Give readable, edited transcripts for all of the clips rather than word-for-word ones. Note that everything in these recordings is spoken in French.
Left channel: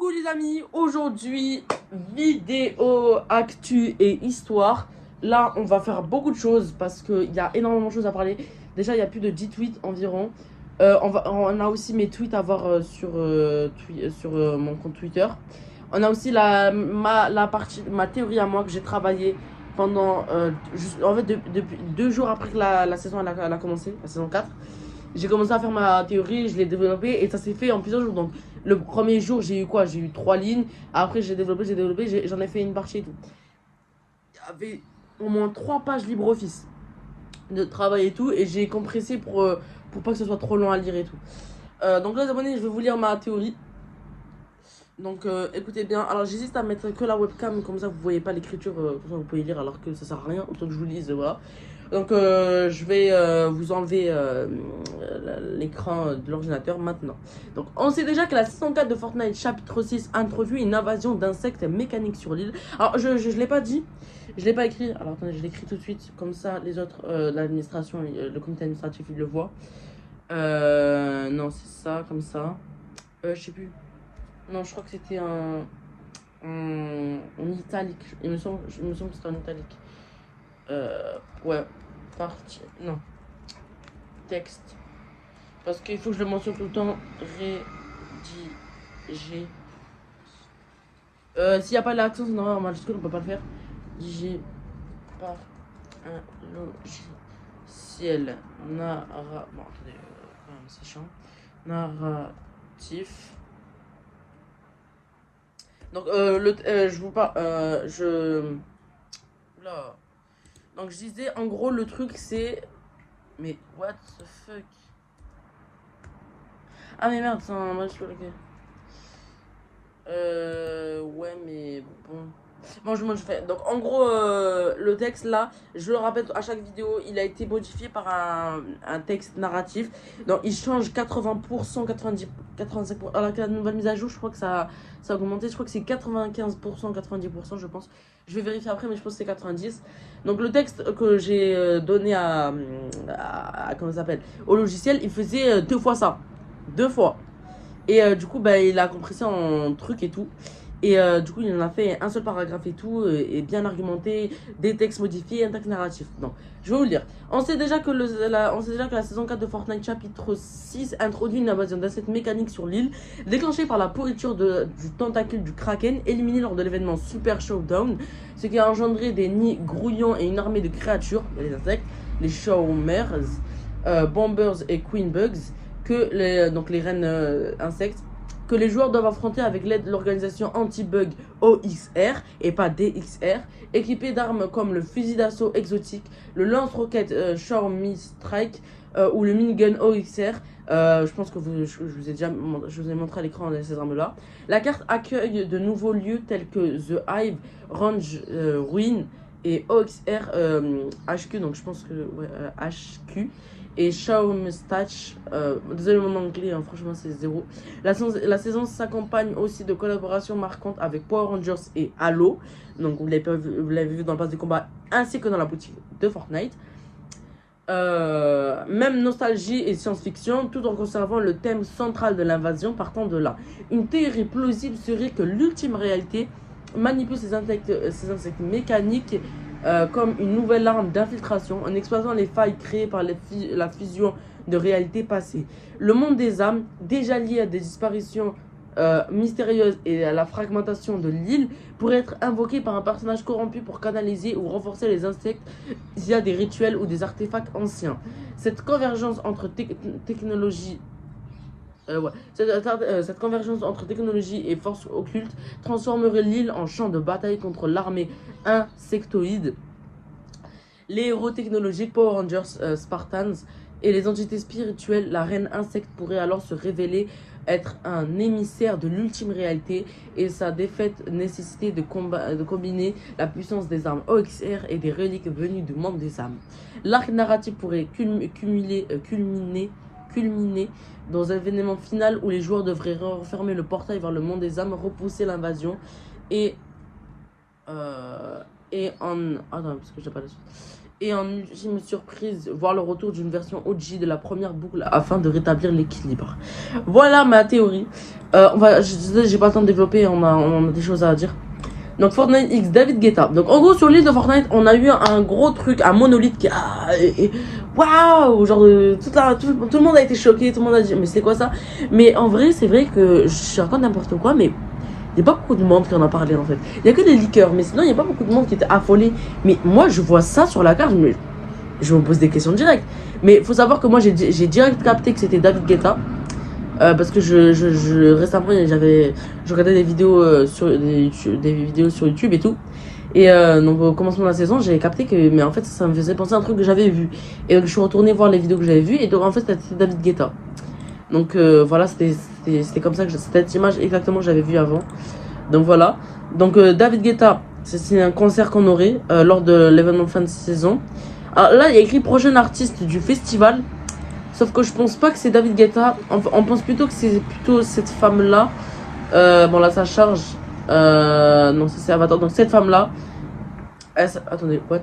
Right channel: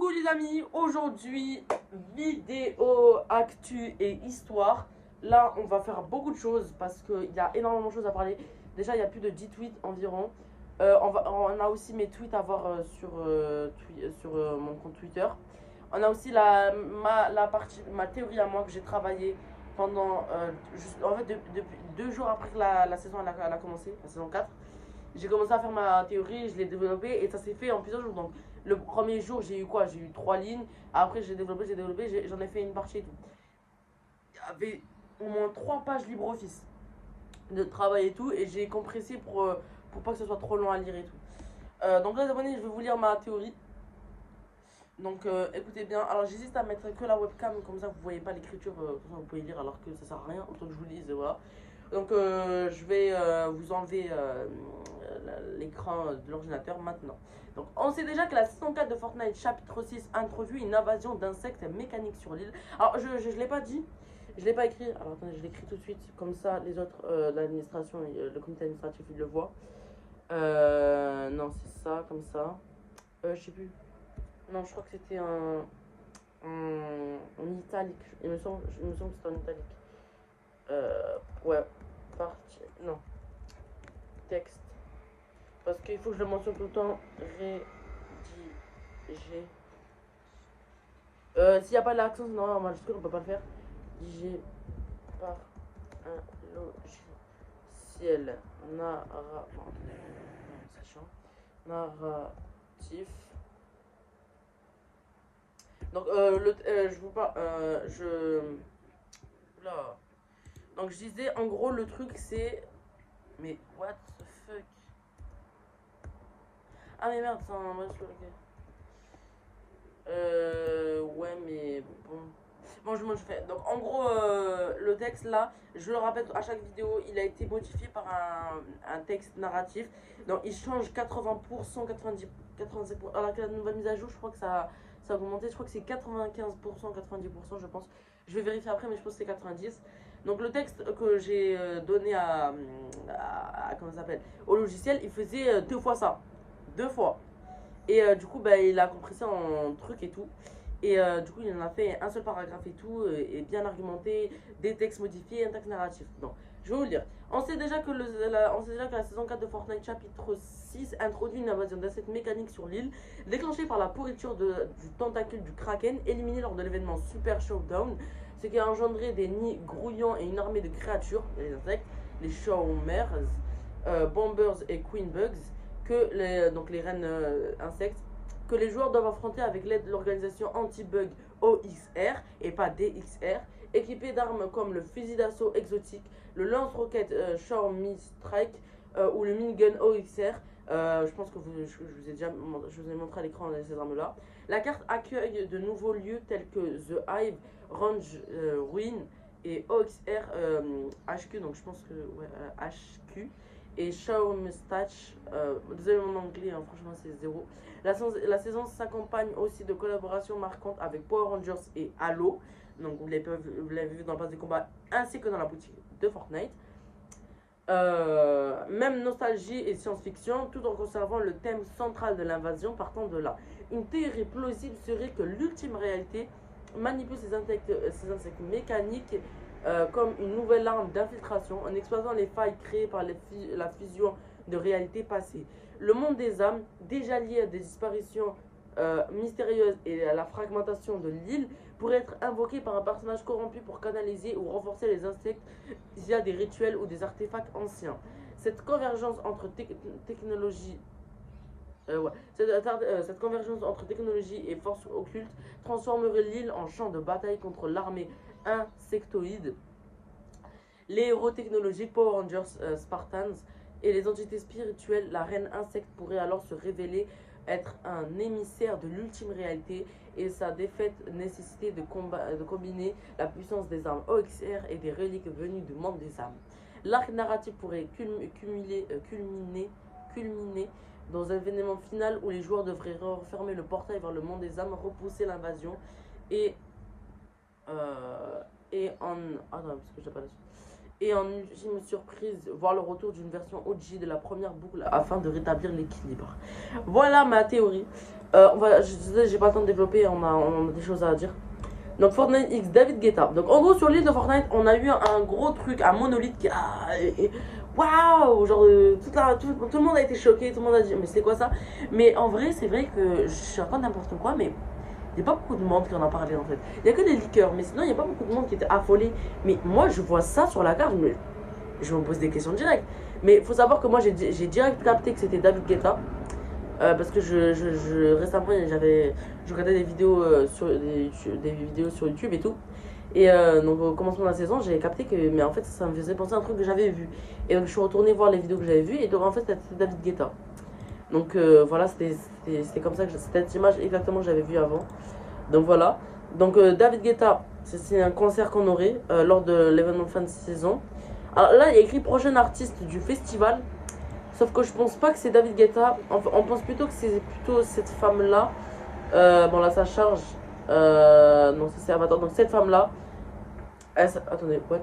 Coucou les amis, aujourd'hui vidéo, actu et histoire. Là on va faire beaucoup de choses parce qu'il y a énormément de choses à parler. Déjà il y a plus de 10 tweets environ. On a aussi mes tweets à voir sur mon compte Twitter. On a aussi ma théorie à moi que j'ai travaillé pendant en fait depuis 2 jours après que la saison elle a commencé, la saison 4. J'ai commencé à faire ma théorie, je l'ai développée et ça s'est fait en plusieurs jours. Donc le premier jour j'ai eu quoi? J'ai eu 3 lignes. Après j'ai développé, j'en ai fait une partie et tout. Il y avait au moins 3 pages LibreOffice de travail et tout. Et j'ai compressé pour pas que ce soit trop long à lire et tout. Donc là les abonnés, je vais vous lire ma théorie. Donc écoutez bien. Alors j'hésite à mettre que la webcam, comme ça vous voyez pas l'écriture, comme ça vous pouvez lire alors que ça sert à rien, autant que je vous lise, voilà. Donc je vais vous enlever l'écran de l'ordinateur maintenant. Donc on sait déjà que la saison 4 de Fortnite chapitre 6 introduit une invasion d'insectes mécaniques sur l'île. Alors je l'ai pas dit, je l'ai pas écrit. Alors attendez, je l'écris tout de suite, comme ça les autres, l'administration, le comité administratif, ils le voient. Non c'est ça, comme ça. Je sais plus. Non, je crois que c'était en italique. Il me semble que c'était en italique. Ouais, partie. Non, texte. Parce qu'il faut que je le mentionne tout le temps. Rédiger. S'il n'y a pas l'accent, c'est normal, en majuscule, on peut pas le faire. Rédigé par un logiciel. Bon, attendez, sachant. Narratif. Donc, je vous parle. Là. Donc, je disais, en gros, le truc, c'est. Mais, what the fuck? Ah, mais merde, c'est un match sur lequel. Ouais, mais bon. Bon, je fais. Donc, en gros, le texte là, je le rappelle à chaque vidéo, il a été modifié par un texte narratif. Donc, il change 80%, 90%, 85%. Alors que la nouvelle mise à jour, je crois que ça a augmenté. Je crois que c'est 95%, 90%, je pense. Je vais vérifier après, mais je pense que c'est 90%. Donc, le texte que j'ai donné comment ça s'appelle, au logiciel, il faisait 2 fois ça. 2 fois. Et du coup, bah, il a compressé en trucs et tout. Et du coup, il en a fait un seul paragraphe et tout, et bien argumenté, des textes modifiés, un texte narratif. Donc, je vais vous le dire. On sait déjà que la saison 4 de Fortnite chapitre 6 introduit une invasion d'insectes mécaniques sur l'île, déclenchée par la pourriture du tentacule du Kraken, éliminé lors de l'événement Super Showdown, ce qui a engendré des nids grouillants et une armée de créatures, les insectes, les Shawmers, Bombers et Queen Bugs, donc les reines insectes, que les joueurs doivent affronter avec l'aide de l'organisation anti-bug OXR et pas DXR, équipée d'armes comme le fusil d'assaut exotique, le lance-roquette Xiaomi Strike ou le minigun OXR. Je pense que je vous ai montré à l'écran ces armes-là. La carte accueille de nouveaux lieux tels que The Hive, Range Ruin et OXR HQ, donc je pense que ouais, HQ. Et Xiaomi Statch, désolé mon anglais, hein, franchement c'est zéro. La saison s'accompagne aussi de collaborations marquantes avec Power Rangers et Halo. Donc vous l'avez vu dans le pass de combat ainsi que dans la boutique de Fortnite. Même nostalgie et science-fiction, tout en conservant le thème central de l'invasion partant de là. Une théorie plausible serait que l'ultime réalité manipule ces insectes mécaniques comme une nouvelle arme d'infiltration en exploitant les failles créées par la fusion de réalités passées. Le monde des âmes, déjà lié à des disparitions mystérieuses et à la fragmentation de l'île, pourrait être invoqué par un personnage corrompu pour canaliser ou renforcer les insectes via des rituels ou des artefacts anciens. Cette convergence entre technologie cette convergence entre technologie et forces occultes transformerait l'île en champ de bataille contre l'armée insectoïde, les héros technologiques Power Rangers Spartans et les entités spirituelles. La reine insecte pourrait alors se révéler être un émissaire de l'ultime réalité et sa défaite nécessiter de combiner la puissance des armes OXR et des reliques venues du monde des âmes. L'arc narratif pourrait culminer dans un événement final où les joueurs devraient refermer le portail vers le monde des âmes, repousser l'invasion et attends, parce que j'ai pas la suite. Et en ultime surprise, voir le retour d'une version OG de la première boucle afin de rétablir l'équilibre. Voilà ma théorie. J'ai pas le temps de développer, on a des choses à dire. Donc Fortnite X David Guetta. Donc en gros sur l'île de Fortnite, on a eu un gros truc, un monolithe qui waouh, genre tout le monde a été choqué, tout le monde a dit mais c'est quoi ça? Mais en vrai, c'est vrai que je raconte n'importe quoi, mais il n'y a pas beaucoup de monde qui en a parlé en fait. Il n'y a que des leakers, mais sinon il n'y a pas beaucoup de monde qui était affolé. Mais moi je vois ça sur la carte, je me pose des questions directes. Mais il faut savoir que moi j'ai direct capté que c'était David Guetta. Parce que récemment je regardais des vidéos des vidéos sur YouTube et tout. Et donc au commencement de la saison, j'avais capté que mais en fait ça me faisait penser à un truc que j'avais vu. Et donc je suis retourné voir les vidéos que j'avais vues et donc en fait c'était David Guetta. Donc voilà, c'était comme ça que c'était cette image exactement que j'avais vue avant. Donc voilà. Donc David Guetta, c'est un concert qu'on aurait lors de l'événement de fin de saison. Alors là, il y a écrit prochain artiste du festival. Sauf que je pense pas que c'est David Guetta. On pense plutôt que c'est plutôt cette femme-là. Bon là, ça charge. Non, ça c'est Avatar. Donc cette femme-là. Attendez, what?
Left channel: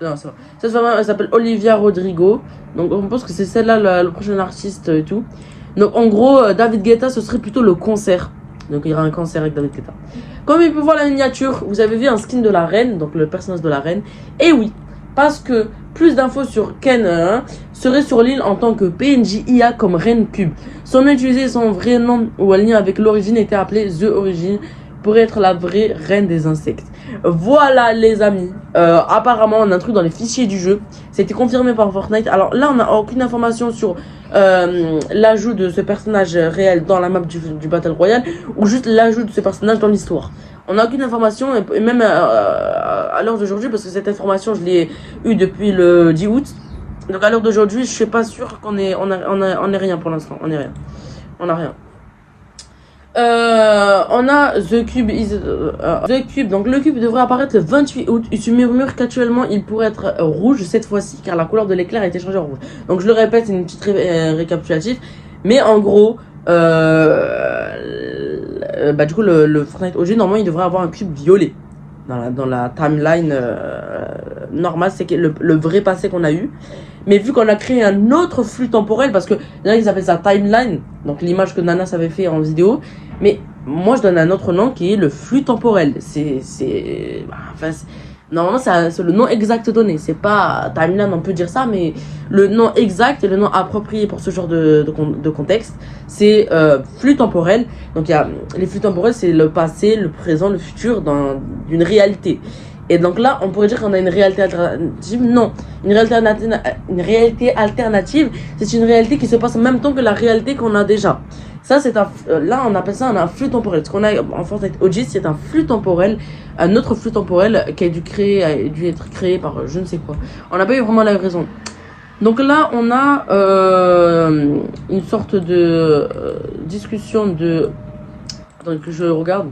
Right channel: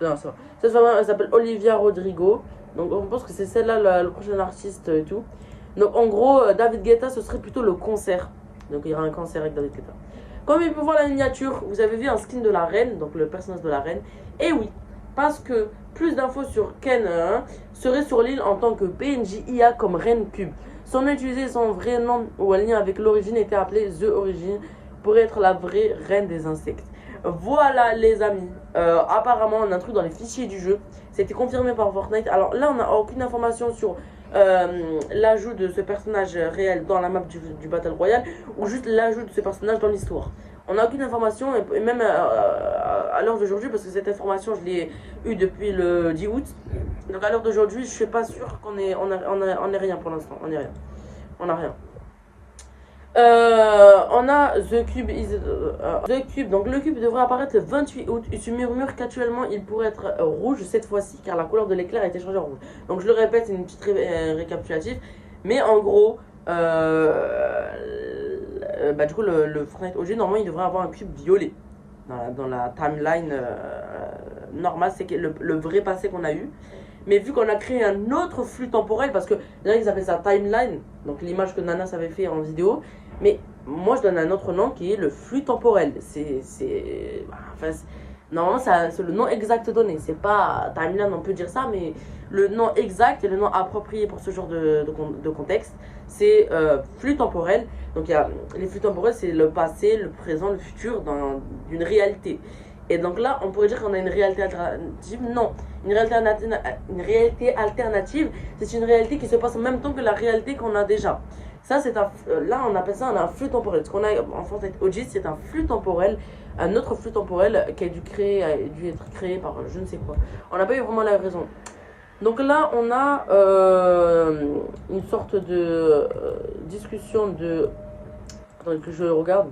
Non, c'est vrai. Cette femme elle s'appelle Olivia Rodrigo. Donc on pense que c'est celle-là le prochain artiste et tout. Donc en gros, David Guetta, ce serait plutôt le concert. Donc il y aura un concert avec David Guetta. Comme il peut voir la miniature, vous avez vu un skin de la reine, donc le personnage de la reine. Et oui, parce que plus d'infos sur Ken serait sur l'île en tant que PNJ IA comme Reine Cube. Son nom utilisé, son vrai nom ou un lien avec l'origine était appelé The Origin pour être la vraie reine des insectes. Voilà les amis, apparemment on a un truc dans les fichiers du jeu, c'était confirmé par Fortnite. Alors là on n'a aucune information sur l'ajout de ce personnage réel dans la map du Battle Royale ou juste l'ajout de ce personnage dans l'histoire. On n'a aucune information et même à l'heure d'aujourd'hui, parce que cette information je l'ai eue depuis le 10 août. Donc à l'heure d'aujourd'hui je suis pas sûr qu'on ait, on est rien pour l'instant, on est rien. On a rien. On a The Cube The Cube, donc le cube devrait apparaître le 28 août. Il se murmure qu'actuellement il pourrait être rouge cette fois-ci car la couleur de l'éclair a été changée en rouge. Donc je le répète, c'est une petite récapitulative. Mais en gros, du coup le Fortnite OG normalement il devrait avoir un cube violet. Dans la timeline normale, c'est le vrai passé qu'on a eu. Mais vu qu'on a créé un autre flux temporel, parce que il y en a qui appellent ça timeline, donc l'image que Nanas avait fait en vidéo, mais moi je donne un autre nom qui est le flux temporel. Normalement c'est le nom exact donné, c'est pas timeline, on peut dire ça, mais le nom exact et le nom approprié pour ce genre de contexte, c'est flux temporel. Donc il y a les flux temporels, c'est le passé, le présent, le futur d'une réalité. Et donc là, on pourrait dire qu'on a une réalité alternative. Non, une réalité alternative, c'est une réalité qui se passe en même temps que la réalité qu'on a déjà. Ça, c'est là, on appelle ça un flux temporel. Ce qu'on a en Fortnite OG, c'est un flux temporel, un autre flux temporel qui a dû être créé par je ne sais quoi. On n'a pas eu vraiment la raison. Donc là, on a une sorte de discussion de... Attendez que je regarde.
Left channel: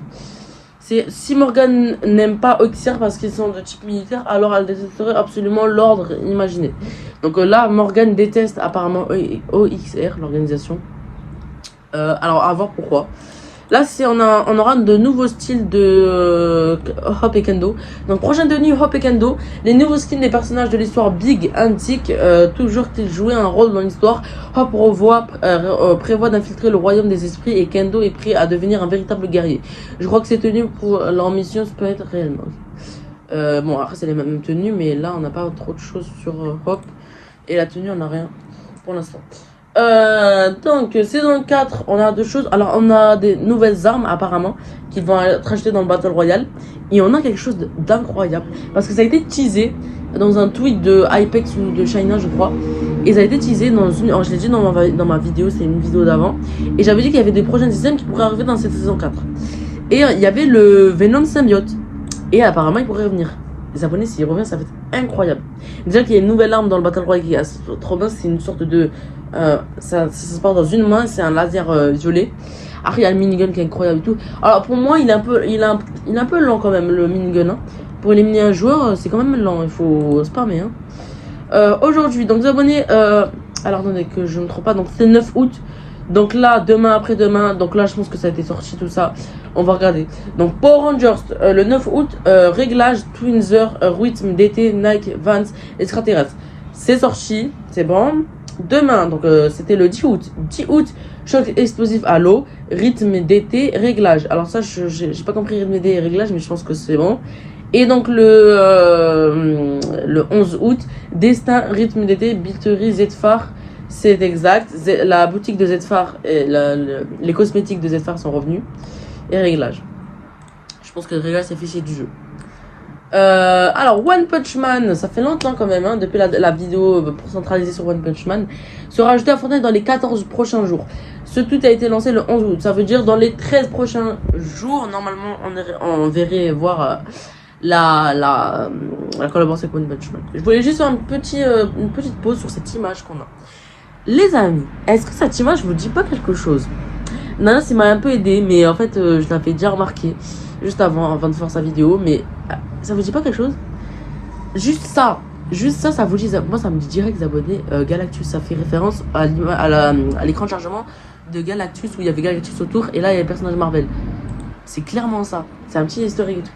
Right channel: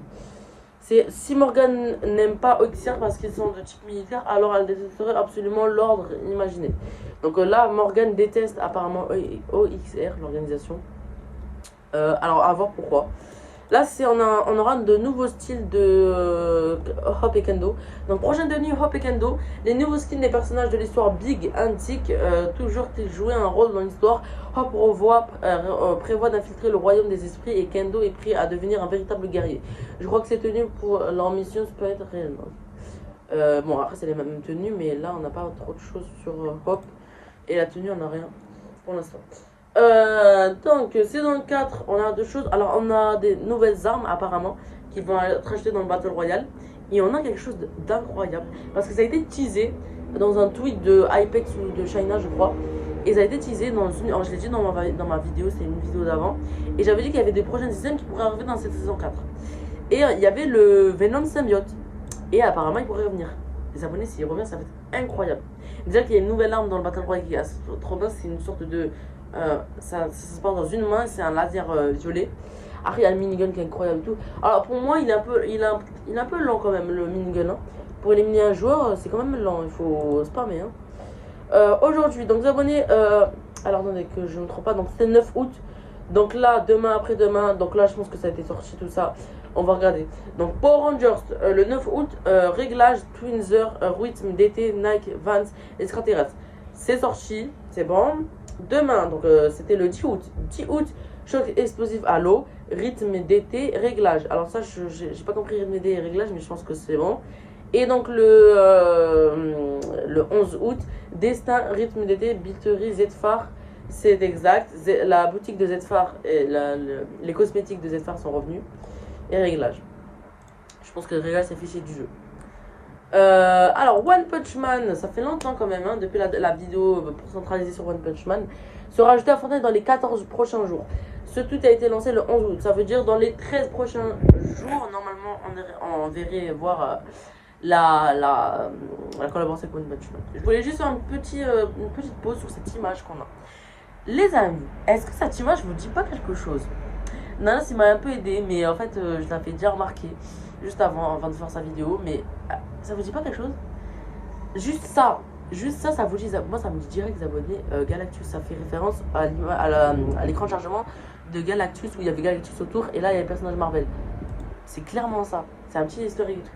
C'est si Morgan n'aime pas Oxyr parce qu'ils sont de type militaire, alors elle détesterait absolument l'ordre imaginé. Donc là, Morgan déteste apparemment OXR, l'organisation. Alors à voir pourquoi. Là, on aura de nouveaux styles de Hop et Kendo. Donc, prochaine tenue Hop et Kendo. Les nouveaux skins des personnages de l'histoire Big Antique. Toujours qu'ils jouaient un rôle dans l'histoire. Hop prévoit d'infiltrer le royaume des esprits. Et Kendo est prêt à devenir un véritable guerrier. Je crois que ces tenues pour leur mission, ça peut être réellement. Bon, après, c'est les mêmes tenues. Mais là, on n'a pas trop de choses sur Hop. Et la tenue, on n'a rien pour l'instant. Donc saison 4, on a deux choses. Alors on a des nouvelles armes apparemment qui vont être achetées dans le Battle Royale. Et on a quelque chose d'incroyable parce que ça a été teasé dans un tweet de Hypex ou de China je crois. Et ça a été teasé dans une... je l'ai dit dans ma vidéo, c'est une vidéo d'avant. Et j'avais dit qu'il y avait des prochaines systèmes qui pourraient arriver dans cette saison 4. Et il y avait le Venom Symbiote. Et apparemment il pourrait revenir. Les abonnés, s'il revient, ça va être incroyable. Déjà qu'il y a une nouvelle arme dans le Battle Royale qui est trop bien, c'est une sorte de... ça se passe dans une main, c'est un laser violet. Après, il y a le minigun qui est incroyable et tout. Alors, pour moi, il est un peu lent quand même, le minigun. Hein. Pour éliminer un joueur, c'est quand même lent, il faut spammer. Hein. Aujourd'hui, donc les abonnés... alors, attendez, que je ne me trompe pas, donc c'est 9 août. Donc là, demain, après-demain, donc là, je pense que ça a été sorti, tout ça. On va regarder. Donc Power Rangers, le 9 août, réglage, Twinzer, rythme d'été, Nike, Vans, extraterrestre. C'est sorti, c'est bon. Demain, donc c'était le 10 août. 10 août, choc explosif à l'eau, rythme d'été, réglage. Alors ça, j'ai pas compris rythme d'été et réglage, mais je pense que c'est bon. Et donc le 11 août, destin, rythme d'été, biterie, Z-Phare. C'est exact. La boutique de Z-Phare et les cosmétiques de Z-Phare sont revenus. Et réglage. Je pense que le réglage c'est fichier du jeu. Alors One Punch Man, ça fait longtemps quand même, hein, depuis la vidéo pour centraliser sur One Punch Man, sera ajouté à Fortnite dans les 14 prochains jours. Ce tweet a été lancé le 11 août. Ça veut dire dans les 13 prochains jours, normalement on verrait voir la collaboration avec One Punch Man. Je voulais juste faire une petite pause sur cette image qu'on a. Les amis, est-ce que cette image vous dit pas quelque chose? Nana, ça m'a un peu aidé, mais en fait, je l'avais déjà remarqué juste avant de faire sa vidéo. Mais ça vous dit pas quelque chose? Juste ça, ça vous dit. Moi, ça me dit direct abonné Galactus. Ça fait référence à l'écran de chargement de Galactus où il y avait Galactus autour et là il y a le personnage Marvel. C'est clairement ça. C'est un petit historique et tout.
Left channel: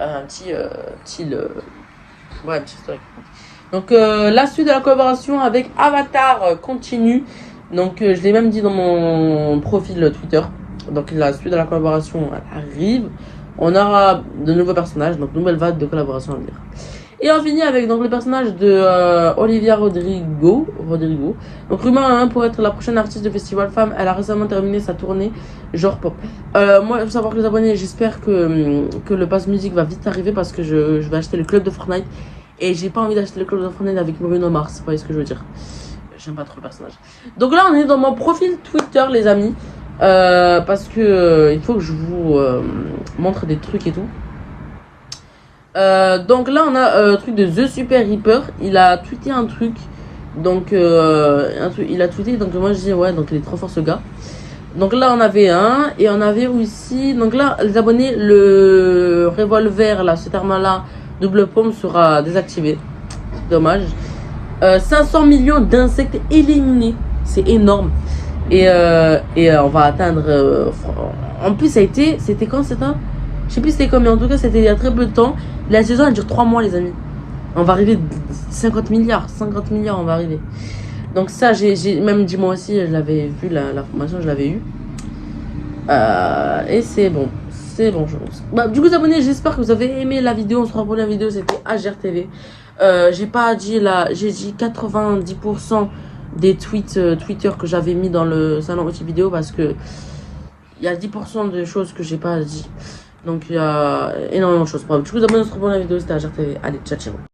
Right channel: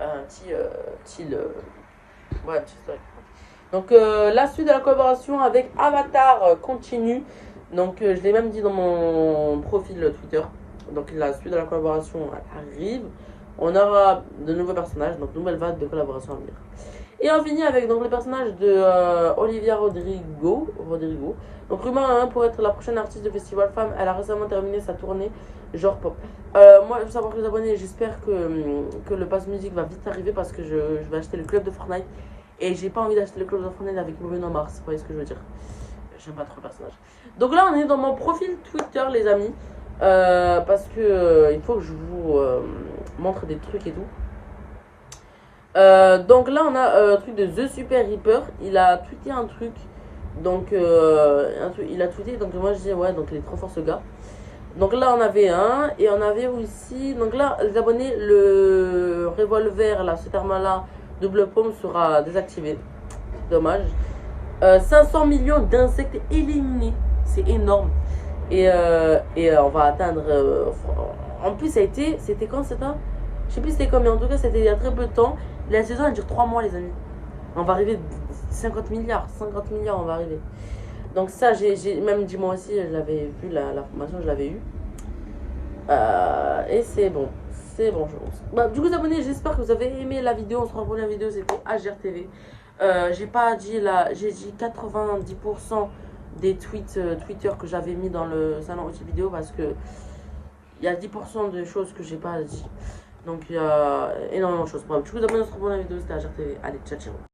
Un petit historique. Donc la suite de la collaboration avec Avatar continue. Donc je l'ai même dit dans mon profil Twitter. Donc la suite de la collaboration arrive. On aura de nouveaux personnages, donc nouvelle vague de collaboration à venir. Et on finit avec donc, le personnage de Olivia Rodrigo. Donc rumeur hein, pour être la prochaine artiste de festival femme. Elle a récemment terminé sa tournée genre pop. Moi il faut savoir que les abonnés, j'espère que le pass musique va vite arriver parce que je vais acheter le club de Fortnite. Et j'ai pas envie d'acheter le club de Fortnite avec Bruno Mars, vous voyez ce que je veux dire. J'aime pas trop le personnage. Donc là on est dans mon profil Twitter les amis. Parce que il faut que je vous montre des trucs et tout. Donc là on a un truc de The Super Reaper. Il a tweeté un truc. Donc il a tweeté. Donc moi je dis ouais donc il est trop fort ce gars. Donc là on avait un. Et on avait aussi. Donc là les abonnés le revolver là cette arme là double paume sera désactivé. Dommage. 500 millions d'insectes éliminés. C'est énorme. Et on va atteindre. En plus, c'était quand c'était? Je sais plus c'était quand, mais en tout cas, c'était il y a très peu de temps. La saison elle dure 3 mois, les amis. On va arriver 50 milliards. 50 milliards, on va arriver. Donc, ça, j'ai même dit moi aussi, je l'avais vu, la formation, je l'avais eu. Et c'est bon. C'est bon, je pense. Bah, du coup, les abonnés, j'espère que vous avez aimé la vidéo. On se revoit pour la vidéo, c'était HRTV. J'ai pas dit là, j'ai dit 90% des tweets Twitter que j'avais mis dans le salon outil vidéo parce que il y a 10% de choses que j'ai pas dit. Donc il y a énormément de choses. Bref, du coup, les abonnés, on se revoit pour la vidéo, c'était HRTV. Allez, ciao, ciao.